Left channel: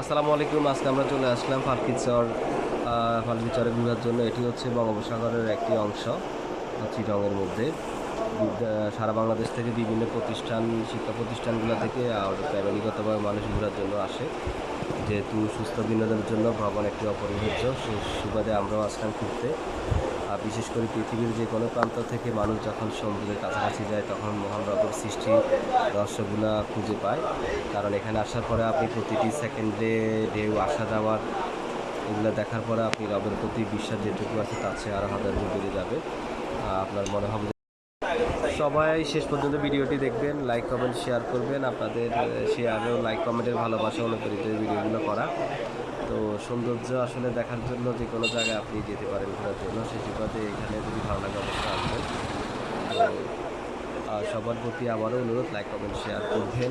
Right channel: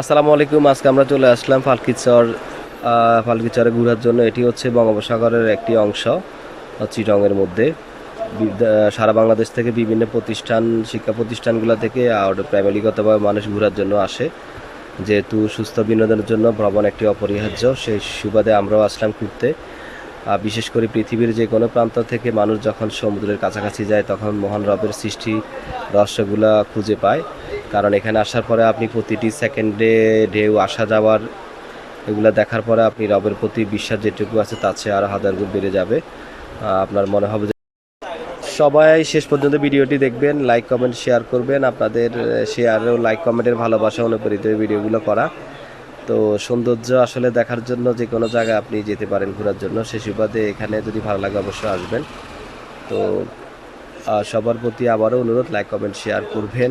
আসসালামু আলাইকুম, আজকে আমরা চলে আসলাম ফালকিচর ফালকিচরে ঘোরার জন্য। এটি হচ্ছে বঙ্গোপসাগরের একটি অংশ, চিটংয়ের মধ্যে। সারা বাংলাদেশ থেকে বিভিন্ন প্রতিষ্ঠান, শিক্ষা প্রতিষ্ঠানগুলো থেকে আর ফ্যামিলিগতভাবে মানুষ ঘোরার জন্য আসে। যেহেতু সুস্থ বিনোদনের জন্য ভ্রমণ একটি অপরিহার্য, সেই সুবাদে আমরাও আসলাম ঘুরতে। বিশেষ করে পৃথিবীর যে কোনো প্রান্ত থেকে মানুষ যখন সমুদ্রের কাছাকাছি যায়, তখন মহান রবের সৃষ্টি রহস্যগুলা খুঁজে পায়। কারণ এখানে আসার পরে আপনি প্রতিটি সেকেন্ডে ঢেউ, আসা যাওয়ার এগুলো দেখার পরে আপনি রবের প্রতি বিশ্বাস যেটুকু আছে, তার চেয়ে আরও হাজার গুণ বেড়ে যাবে। আপনার মনে হবে যে সবাই শেষ পর্যন্ত ভিডিওটি দেখবেন লাইক কমেন্ট শেয়ার করবেন। আপনাদের শেয়ার ও লাইক কমেন্টের ভালোবাসা অনুপ্রেরিত ভিডিওগুলো করা। তো সৌন্দর্য আসলে দেখার জন্য যে কোনো জায়গায় আপনি যেতে পারেন ঘোরার জন্য, সে সুবাদে এখানে যদি ভালো লাগে অবশ্যই আসবেন। তো সবার প্রতি আবারও অনুরোধ লাইক কমেন্ট শেয়ার করবেন।